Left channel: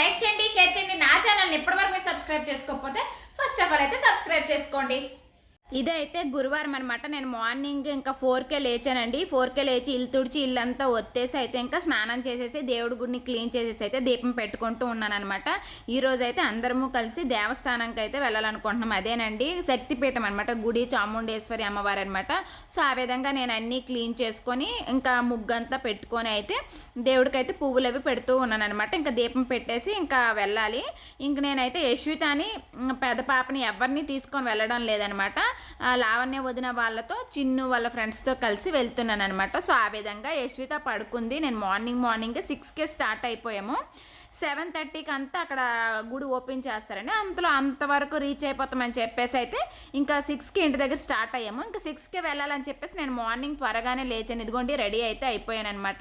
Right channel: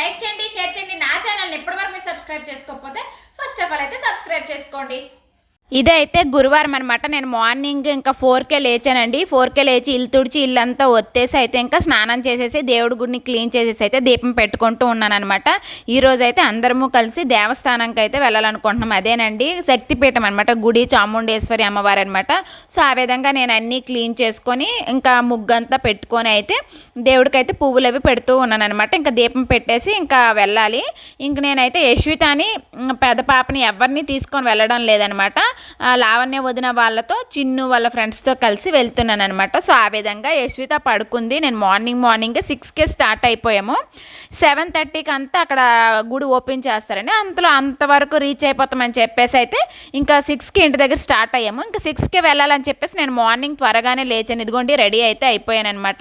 Like చేయండి share చేయండి. నా ఛానల్ని ఎప్పటివరకు మీరు సబ్స్క్రైబ్ చేసుకోకపోతే ఫస్ట్ ఆఫ్ ఆల్ అయితే సబ్స్క్రైబ్ చేసుకోండి. ఇదైతే గురువారం అనమాట నేను మార్నింగ్ ఇంకా ఫోర్కే లేచానండి. ఫోర్కే లేచి ఇల్లు తుడిచి ఇల్లంతా ఒత్తేసి అయితే ఇంకా స్నానం చేసేసి దేవుడి గుడిని క్లీన్ చేసేసి అయితే దీపం పెట్టుకుంటూ ఉన్నాను అనమాట అయితే అందరము కలిసి దేవస్థానంకి అయితే వెళ్ళాలనుకుంటున్నాం. అదేనండి శక్తిపీఠం అనమాట గుడి చాముండేశ్వరి అమ్మవారు అనమాట సో ఆ విధంగా నేను అన్నీ క్లీన్ చేసుకొని ఇంకా ముగ్గంతా పెట్టుకొని అయితే దేవుడికైతే పువ్వులు అవి పెడుతూ ఉన్నాను అనమాట ఇంకా దీపం పెట్టేసి ఇంకా వెళ్ళాలి. ఇంక నేనైతే యశ్వితాని ఇంక పెద్ద పాపని ఎవరిని తీసుకొని వెళ్ళడం లేదనమాట లావణ్య వదిన వాళ్ళతో చిన్ను వాళ్ళ ఫ్రెండ్స్తో కలిసి వెళ్తున్నాను అనమాట సో ఆ విధంగా యశ్విత పడుకుంది. నేను మార్నింగ్ మార్నింగ్ సిక్స్కే స్టార్ట్ అయిపోయాము. సెవెన్ థర్టీకి అంతా అక్కడ గుడి ఓపెన్ చేస్తారని అంతలో అంతవరకు రీచ్ అయిపోతామని చెప్పేసి అయితే ఇంకా సిక్స్కి ఇంటి దగ్గర స్టార్ట్ అయ్యాము. ఇంకా సిక్స్కే వెళ్ళాలని చెప్పేసి నేను మార్నింగ్ త్వరగానే లేచాను. ఇదిగోండి రెడీ అయితే అయిపోయాను అనమాట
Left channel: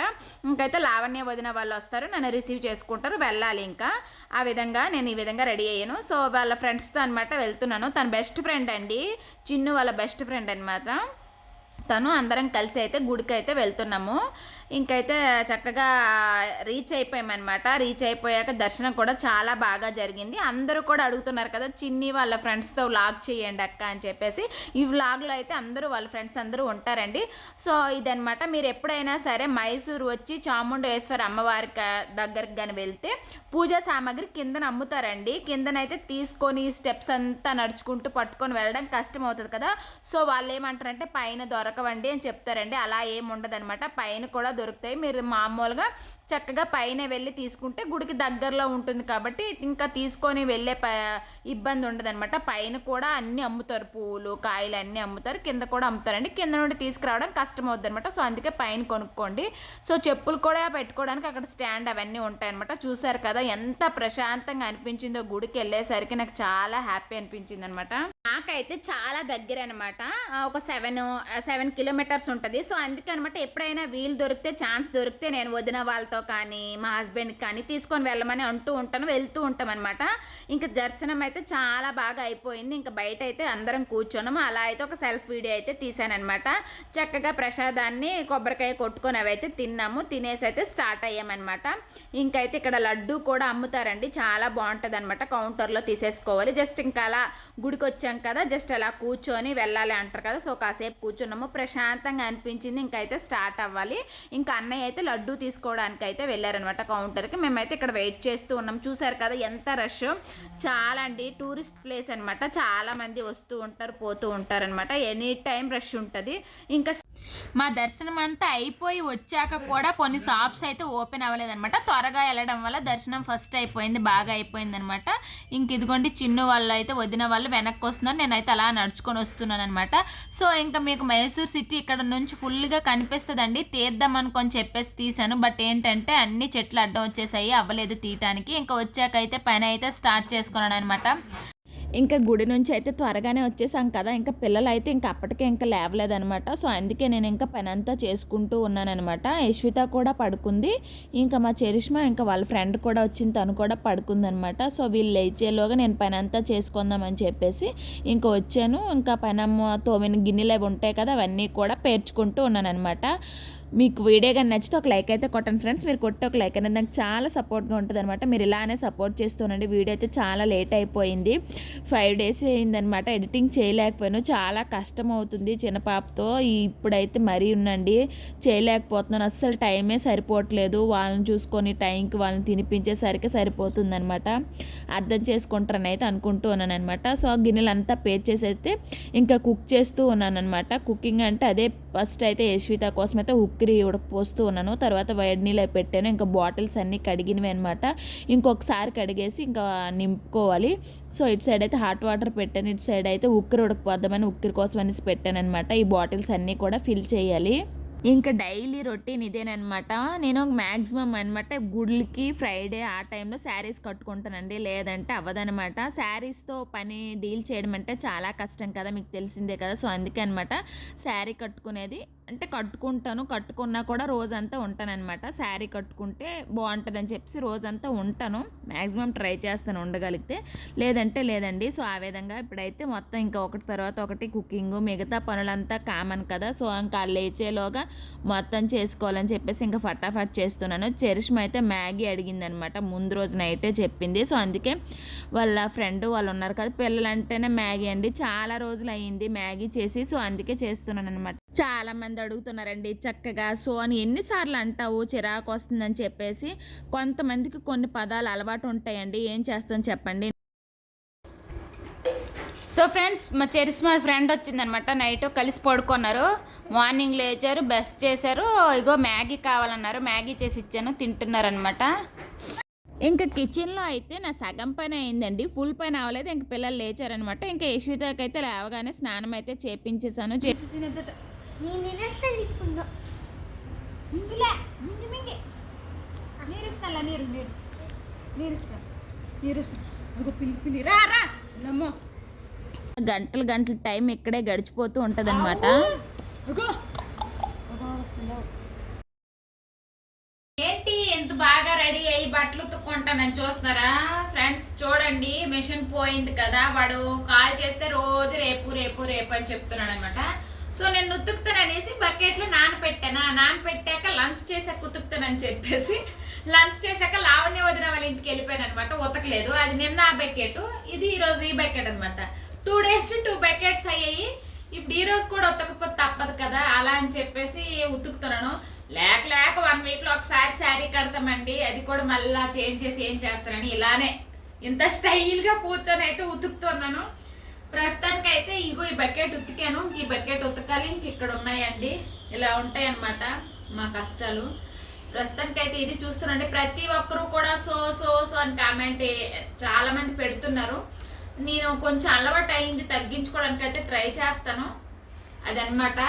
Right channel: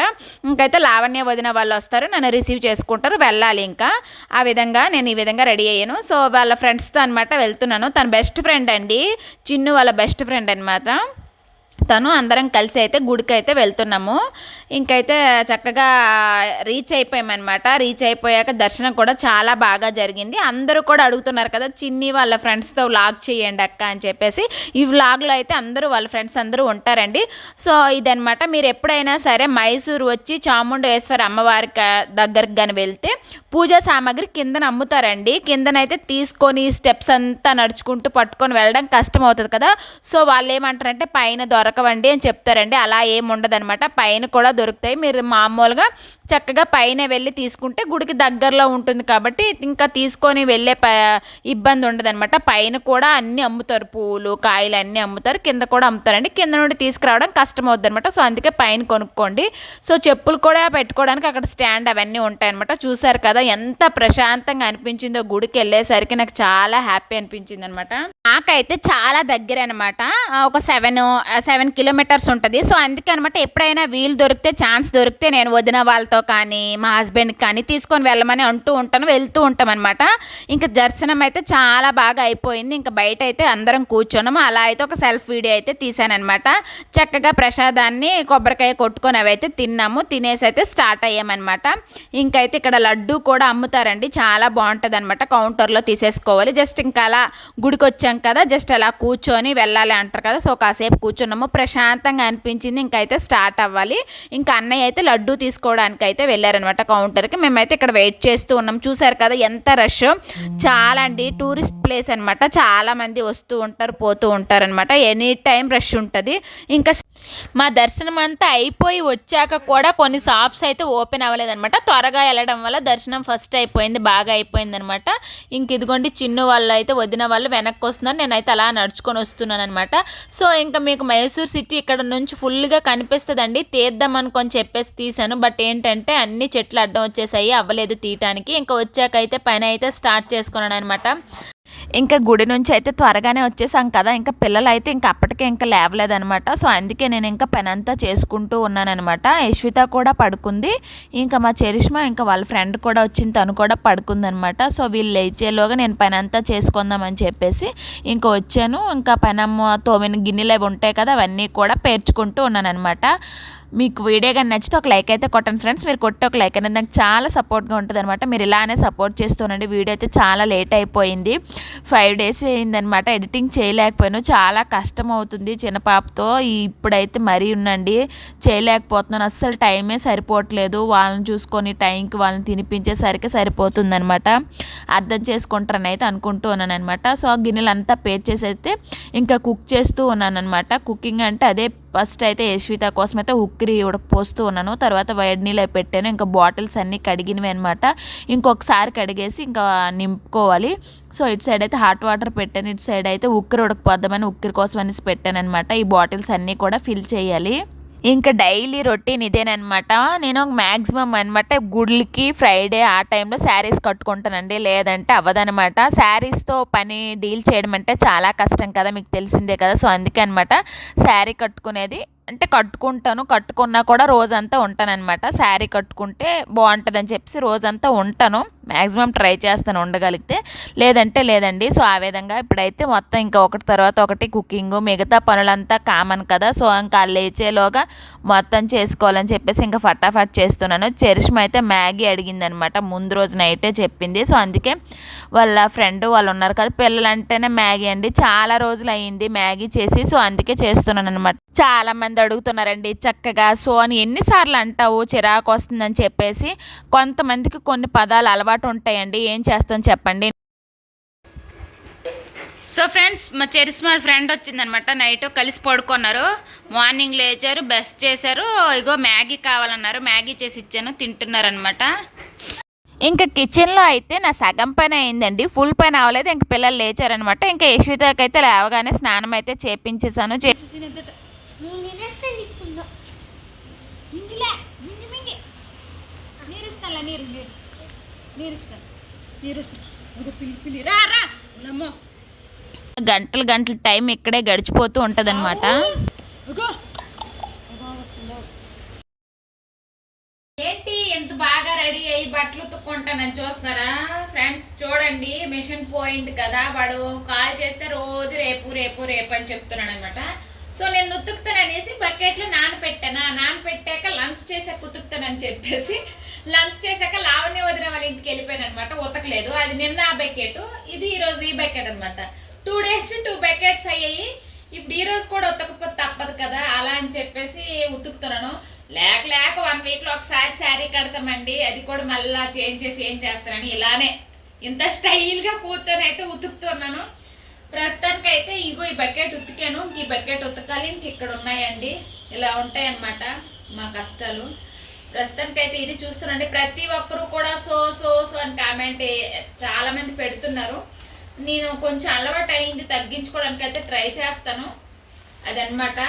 ఇంకైతే లావణ్య వదిన వాళ్ళు వస్తారు. నన్ను రిసీవ్ చేసుకుంటారు. వెళ్ళాలి ఇంకా. ఆ విధంగా నేను ఈ విధంగా రెడీ అయ్యాను. సో వాళ్ళ ఫ్రెండ్స్తో అనమాట వెళ్తున్నాను. తన బెస్ట్ ఫ్రెండ్ అండి. చిన్ను వాళ్ళ బెస్ట్ ఫ్రెండ్ అనమాట తను అందరం కలిసి అయితే గుడికి అయితే వెళ్తున్నాము. ఇంకైతే చక్కగా రీచ్ అయిపోయామన్నమాట. రీచ్ అయిపోయాక దర్శనం కూడా చాలా బాగా జరిగింది. అందరూ కూడా అడుగుతున్నారు కదా చిన్ని వాళ్ళ ఫ్రెండ్స్తో వ్లాగ్ చేయండి అక్క అని చెప్పేసి. ఈ వ్లాగ్లో అయితే అందరూ వాళ్ళ ఫ్రెండ్స్ అందరూ ఉంటారండి. సో ఇదనమాట మీరు ఎప్పుడైనా సరే మైసూరు వచ్చి చాముండేశ్వరి అమ్మవారి దగ్గరకు కానీ వెళ్తే పూజా సామాగ్రి కిందన అమ్ముతారండి. కిందనైతే తీసుకొని స్టెప్స్ అంతా నడుచుకుంటూ పట్టుకొని వెళ్ళడం కష్టం అవుతుంది కదా. సో వాళ్ళు ఏమంటారంటే పైన దొరకవండి అని చెప్తారండి. అలా ఏం ఉండదన్నమాట పైన కూడా దొరుకుతాయి. మీరు మామూలుగా చక్కగా పైన వెళ్ళి తీసుకుంటే గుడికి దగ్గరలో ఉంటుంది కాబట్టి ఇంకా తీసుకొని వెళ్ళే ప ఇబ్బంది ఉండదన్నమాట. పైన కూడా అన్నీ అమ్ముతారు పూలు కాయలు అన్నీ అమ్ముతారు కింద కూడా అమ్ముతారండి. కింద నుండి తీసుకురావడం కష్టం అవుతుంది అనమాట సో అందుకే పైన కొనుక్కోండి. సో చెప్పులు కూడా పెట్టుకోవడానికి అక్కడ స్టాండ్ అవన్నీ ఉంటాయన్నమాట. చూసారు కదా ఎంత ప్రశాంతంగా అనిపించిందో గుడికి వెళ్ళేసరికి నాకు చాలా హ్యాపీ అనిపించింది అనమాట నాకైతే చాలా దగ్గర అనమాట ఒక సెవెన్ సెవెన్ కిలోమీటర్స్ ఉంటుంది. సో అందుకే అనమాట ఎప్పుడైనా వీలు దొరికితే ఛాన్స్ దొరికితే నేను వదిన వాళ్ళతో కానీ మా హస్బెండ్కి కానీ తీసుకొని వెళ్ళమని అంటూ ఉంటాను వెళ్తూ ఉంటాం అనమాట ఇంకా దర్శనం అయితే చాలా బాగా అయిపోయింది. ఇంకా బయట అయితే అందరం కూర్చున్నాము. అలా అయితే ఒక సెల్ఫ్ వీడియో అయితే తీసానమాట చక్కగా ప్రసాదాన్ని కొబ్బరికాయ కొట్టుకొని అవి అయితే తిన్నాము. తినేసి అయితే స్టార్ట్ అయ్యామన్నమాట. ఇంకైతే ఇక్కడ లడ్డు కూడా అమ్ముతారండి. చాలా బాగుంటుంది అనమాట కౌంటర్లో తీసేసుకోవాలి. జస్ట్ ఇంకా అలా గుడికి వచ్చాం కదా జస్ట్ అలా కూర్చొని వెళ్ళాలి అంటారు కదా. సో కాసేపు కూర్చున్నాము. ప్రశాంతంగా అనిపించింది. ఇంకైతే స్టార్ట్ అవ్వాలి. ఇంకా అన్నయ్య అయితే లడ్డు తీసుకోవడానికి అయితే వెళ్ళారనమాట కౌంటర్కి. మేమైతే ఇక్కడ వెయిట్ చేస్తూ ఉన్నాం. చూసారు కదా ఎంత రష్. చాలా అండి టూరిస్ట్ ప్లేస్ అనమాట చాలా మంది వస్తూ ఉంటారు పోతూ ఉంటారు అనమాట ఎనీ టైం రష్ ఉంటుంది. ఇంకా మా దర్శనం అంతా అయిపోయి వచ్చాక కూడా కొన్ని షాప్స్ అయితే ఓపెన్ అవ్వలేదనమాట త్వరగా వెళ్ళడం వల్ల దర్శనం ఫస్ట్ అయిపోయింది బాగా అయిపోయింది అనమాట ఇంక ఇదిగోండి చిన్న వాళ్ళు అయితే వదిన వాళ్ళు వెనక్కి వస్తున్నారు. నేనైతే అలా నడుచుకొని వస్తున్నాను అనమాట సో ఇంకా మీకు మైసూర్ సిటీ ఇక్కడ నుంచి ఫుల్గా కనిపిస్తుందండి. తీద్దాం అనుకొని చెప్పేసి తీశాను. బట్ ఏంటంటే అన్ని చెట్లు అడ్డం వచ్చేసాయి అవ్వలేదు తీయటానికి. ఇంకా వచ్చాక అయితే పైన అయితే స్టార్ట్ చేసుకున్నాను అనమాట ఇంకా గుడి నుంచి అయితే త్వరగానే వచ్చేసాం కదా ఇంకా పిల్లలు అయితే ఇంకా అప్పటికే ఇంకా లేవలేదనమాట సో అందుకే నేను ఇంకా పని అంతా చేసుకుంటూ ఉన్నానమాట యశ్విత కూడా పడుకుంది. ఇంకా మా చరిష్మా ఇంకా వాళ్ళ ఫ్రెండ్ కూడా వచ్చింది తను కూడా పడుకుందనమాట సో వీళ్ళు లేచేలోగా నేను పని అంతా చేసుకుందామని చెప్పేసి ఇంకా వచ్చాను. ఇంకా పనమ్మ తోమిన గిన్నెలు అవి ఉంటాయి కదా అవన్నీ కూడా పేర్చుకుంటూ ఉన్నానమాట మీకు వీడియో కానీ నచ్చితే ఒక లైక్ అయితే కొట్టండి ఫ్రెండ్స్. మీరు కొట్టే ఒక లైక్ అనేది నాకు చాలా సపోర్ట్గా ఉంటుంది అనమాట మీరు ఇలానే సపోర్ట్ చేస్తూనండి. వీడియో అయితే చాలా లేట్ అయిపోయింది. ఫైవ్ డేస్ అయిందనమాట ఎడిటింగ్ చేయలేకపోయాను. చాలా కష్టం అవుతుంది చిన్న పాపతో. ఇప్పుడైతే మరీ ఉండండి చేయలేకపోతున్నాను. అస్సలు టైమే సరిపోవట్లేదు. వాళ్ళని చూసుకొని టైంకి వాళ్ళని తినిపించేసరికి సరిపోతుంది అనమాట అర్థం చేసుకుంటారని అయితే అనుకుంటూ ఉన్నాను అనమాట సో ఆ గిన్నెలు అంతా పేర్ చేసి అయితే ఇంకా కుక్ చేస్తూ ఉన్నాను అనమాట కుకింగ్ అంటే అదే ఫస్ట్ అయితే యశ్విత కోసం అయితే ఉక్కిరి ఉడకపోస్తూ ఉన్నాను. తర్వాత వేడి నీళ్ళు పెట్టాను. ఇంకా బాటిల్స్ అన్నీ కడిగినవి అనమాట ఇంకొకసారి కడిగేసి ఇంకా నింపుకోవాలి. సో ఇటు సైడ్ అయితే హాట్ వాటర్ పెట్టాను. ఇటు సైడ్ అయితే ఉక్కిరి ఉడకపోద్దామని ఉక్కిరి కోసం అనేసి పెట్టాను అనమాట ఈ బాటిల్స్ అన్నీ కూడా ఫిల్ చేయాలి. ఇంకా డైలీ రొటీన్ ఇదేనమాట నేను మ్యాక్సిమం అనమాట గుడ్లకి ఫ్రైడే ఆ టైంలో శారీస్ కట్టుకుంటానండి. లేదంటే అవ్వదనమాట శారీస్తో పని డీల్ చేయడం అంటే చాలా కష్టం కదా మీకు తెలిసిందే కదా. సో అందుకే అనమాట శారీ కట్టుకునేది అంటే కట్టుకుంటాను కట్టుకున్నా కూడా రోజంతా ఉంటానన్నమాట. శారీ కట్టుకుంటే బాగుంటుందని చెప్పేసి రోజంతా ఉంటాను. మ్యాక్సిమం ట్రై చేస్తాను ఉండగలిగితే. లేదంటే లేదండి. సో ఆ విధంగా ఇప్పుడైతే మొత్తం ఇంకా ఒకటి తర్వాత ఒకటి కుకింగ్ మిగతా పనులంతా కామన్ కదా. సో ఇంకా లేచేలోగా మొత్తం చేసుకోవాలని చెప్పేసి ఇంకా ఫటాఫట్ చేస్తున్నాను. చెరిష్మ అయితే మ్యాగీ అడిగిందనమాట ముందు రోజు నైటే చెప్పింది. సో అందుకే వాళ్ళ ఫ్రెండ్ వాళ్ళు ఉన్నారు కదా పిల్లలు అంటేనే మ్యాగీ అండి. చాలా రోజులు అయ్యింది మ్యాగీ చేసి. సో అందుకే చేస్తున్నాను అనమాట చాలామంది అడుగుతున్నారండి. చక్కగా సో అని ఎన్నిసార్లు అంటావు చిరాకు వస్తుందని చెప్పేసి కొంతమందికి కొన్ని పదాలు అలవాటు ఉంటాయండి. ఏం చేస్తాం చెప్పండి? సో ఫ్రెండ్స్ మా చెరిస్మా ఫ్రెండ్ వచ్చిందనమాట. నైట్ కలిసి పడుకున్నారు. మార్నింగ్ లేచారు బెస్ట్ చేశారు. ఇగో మ్యాగీ కావాలన్నారు. మ్యాగీ చేసి ఇచ్చాను తింటున్నారనమాట. ఇంకా కిచెన్లో అయితే నా సగం పని అయిందండి. ఫుల్ పని అవ్వలేదు. ఇంక పిల్లలు లేచారనమాట. ఇంకా యశ్వితకి అయితే లేవగానే స్నానం అయితే చేపించేసాను చే- నీరు నీరు. ఒక రా రా. ఉలమ్మో. గంటలు గంటలు టైం ఇక్కడే గడిచిపోతూ ఉంటదన్నమాట. ఏంటి ఎంత బాగా రెడీ అయ్యి బట్టలు ఉతుక్కుంటానని చూస్తున్నారా? ఫ్రెండ్స్ చూడండి మిషన్ పోయింది కదా. వాడు కాల్ చేస్తే రోజు రేపు రేపు రేపు అని చెప్తున్నాడు అనమాట సో నేను ఉతుకుతాననేసి బకెట్లో నానపెట్టానా? నానపెట్టాక లంచ్ చేసాక ఉతుకుతానని చెప్పేసి లంచ్ చేశాక లావణ్య వదిన వాళ్ళ ఇంటికి వెళ్ళిపోయాను అనమాట ఉతకలేదు. అది నిన్న ఆ బకెట్. ఇది ఈరోజు ఈ బకెట్ అనమాట టూ డేస్ టూ బకెట్స్ అయ్యాయి. ఇప్పుడు ఈ రోజు కూడా ఉతకపోతే తప్పదు కదా. అలా అని చెప్పేసి ఉతుకుతున్నాను. లేక లేక వన్ వీక్లో ఒకసారి శారీ కడతామండి. అది కూడా మళ్ళీ చేంజ్ చేసి ఏం చేస్తానని ఇలానే ఇంత స్టైల్గా కూర్చొని అయితే ఉతుకుతున్నాను. ప్రస్తుతానికి అయితే ఇగో ఈ బకెట్ ఉతికాను. ఇంక ఈ బకెట్ ఉతకాలి. ఇంక ఇక్కడ ఉన్నాయండి. ఇలా ఉంటాయి అన్నమాట మా కష్టాలు. ప్రస్తుతానికైతే ఇది చూస్తున్నాండి ప్రతి ఒక్కరు కూడా సో సో సో అని కామెంట్ చాలామంది పెడుతున్నారు. నేను కొంచెం అలవాటు అయింది తగ్గించుకోవడానికి అయితే ట్రై చేస్తాను. అదనమాట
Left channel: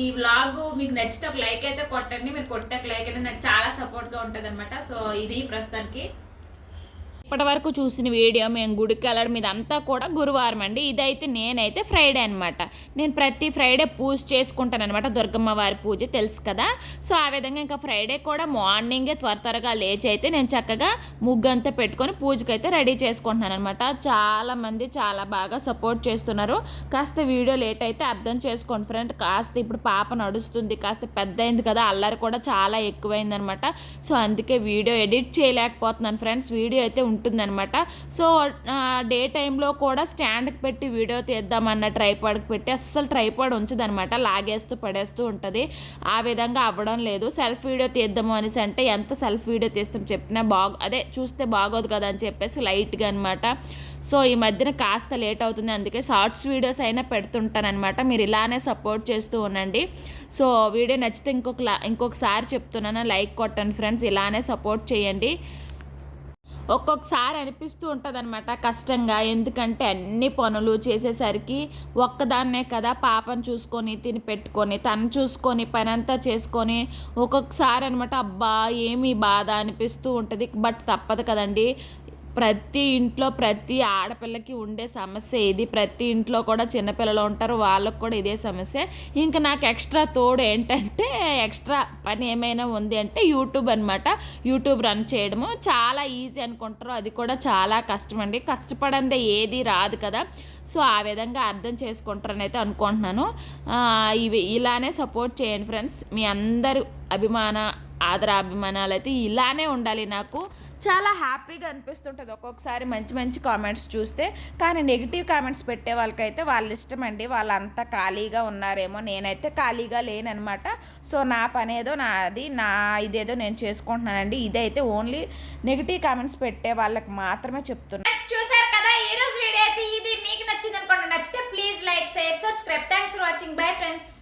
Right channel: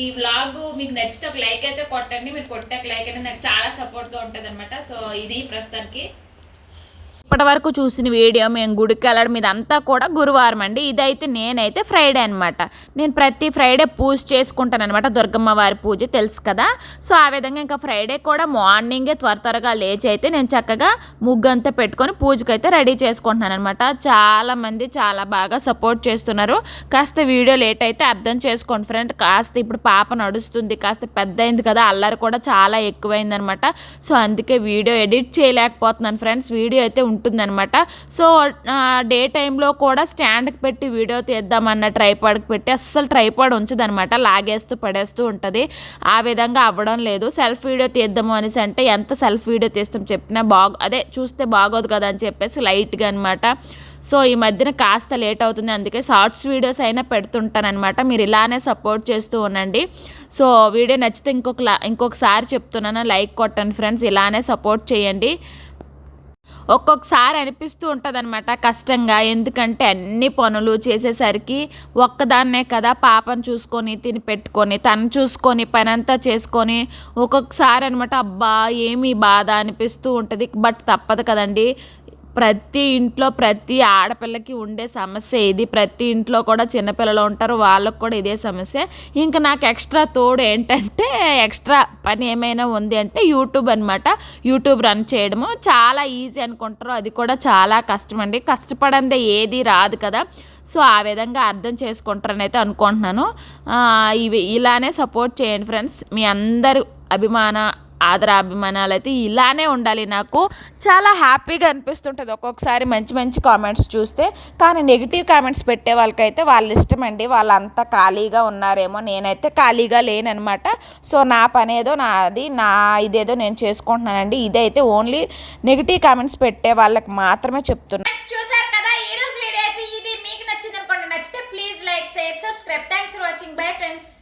ఈ వ్లాగ్ మీకు నచ్చితే ఒక లైక్ అయితే కొట్టండి. మీరు కొట్టాక లైక్ అయితే నాకు చాలా సపోర్ట్గా ఉంటుంది అనమాట సో ఇది ప్రస్తుతానికి. ఇప్పటి వరకు చూసిన వీడియో మేము గుడికి వెళ్ళడం ఇదంతా కూడా గురువారం అండి. ఇదైతే నేనైతే ఫ్రైడే అనమాట నేను ప్రతి ఫ్రైడే పూజ చేసుకుంటాను అనమాట దుర్గమ్మ వారి పూజ తెలుసు కదా. సో ఆ విధంగా ఇంకా ఫ్రైడే కూడా మార్నింగే త్వర త్వరగా లేచి అయితే నేను చక్కగా ముగ్గు అంతా పెట్టుకొని పూజకి అయితే రెడీ చేసుకుంటున్నాను అనమాట చాలామంది చాలా బాగా సపోర్ట్ చేస్తున్నారు. కాస్త వీడియో లేట్ అయితే అర్థం చేసుకోండి ఫ్రెండ్. కాస్త ఇప్పుడు పాప నడుస్తుంది కాస్త పెద్ద అయింది కదా అల్లరి కూడా చాలా ఎక్కువైందనమాట సో అందుకే వీడియో ఎడిట్ చేయలేకపోతున్నాను ఫ్రెండ్స్. వీడియో అయితే ఉంటుందన్నమాట. సో డే టైంలో కూడా స్టాండ్కి పెట్టి వీడియో తీద్దామన్న ట్రైపాడ్కి పెట్టి అస్సలు ట్రైపాడ్ ఉంచదనమాట లాగేస్తూ పడేస్తూ ఉంటుంది. ఆ విధంగా అవ్వడం లేదు. సెల్ఫ్ వీడియో తీద్దాము అనేసి అంటే ఎంత సెల్ఫ్ వీడియో తీస్తాం చెప్పినా బాగు అదే చూస్తే బాగోదు కదా అని చెప్పేసి లైట్గా అనమాట సో ఈ మధ్యన కాస్త లేట్ అవుతుంది. అందుకే షార్ట్స్ వీడియోస్ అయినా పెడుతుంటానమాట మీరు ఇలానే సపోర్ట్ చేస్తూ ఉండండి. సో వీడియో నచ్చితే ఇంకొక లా- ఇంకొకసారి చెప్తున్నాను. లైక్ కొట్టండి ఫ్రెండ్స్. ఇలానే సపోర్ట్ చేయండి. ఒక్కొక్కసారి అనిపిస్తూ ఉంటుంది అనమాట కష్టంగా. ఎందుకంటే అన్ని పనులు చేసేసరికి ఒక్కదాన్నే కదా పాపను చూసుకొని తిని పెట్టుకొని తను చూసుకొని పని అంతా చేసుకొని ఒక్కొక్కసారి అనమాట అబ్బా ఏమి బాధ అనిపిస్తూ ఉంటుంది. బట్ తప్పదు కదండి. ప్రతి ఇంట్లో ప్రతి ఆడపిల్లకి ఉండే సమస్య ఇది. ప్రతి ఇంట్లో కూడా చిన్నపిల్లలు ఉంటారు వాళ్ళకు కూడా ఇదే సమస్య. ఇంకా నాకు ఎక్స్ట్రా తోడు ఏంటంటే ఎక్స్ట్రా పని ఏమైనా ఉంది అంటే యూట్యూబ్ అనమాట యూట్యూబ్ రన్ చేయడము. చాలా ఈజీ అనుకుంటారు. అది కూడా చాలా కష్టం అండి. కష్టపడందే ఏది రాదు కదా. సో ఆ విధంగా అర్థం చేసుకుంటారని అయితే అనుకుంటున్నాను. ఇవి ఇలానే సపోర్ట్ చేయండి ఫ్రెండ్స్. మీ అందరు అభిమాన ఆదరాభిమానాలు అయితే ఇలానే ఉండాలి నాకు. చాలా హ్యాపీగా అనిపిస్తుంటుంది ఒక్కొక్కసారి మంచి మంచి కామెంట్స్ చూస్తే. కానీ నెగిటివ్ కామెంట్స్ పెట్టే వాళ్ళకైతే వాళ్ళ ఇష్టం అండి వాళ్ళంతా ఖాళీగా ఉన్నారేమో. నేనైతే ఖాళీగా లేననమాట సో నా పని ఏదో నాది నా ఇదేదో నేను చేసుకుంటున్నానండి. ఇదైతే ఓన్లీ నెగిటివ్ కామెంట్స్ పెట్టే వాళ్ళకి మాత్రమే చెప్తున్నాను చూసారు కదా? ఈ రోజు వీడియో అయితే ఇది. మీకు నచ్చింది అనుకోండి నచ్చితే please like share subscribe. Thanks for watching bye friends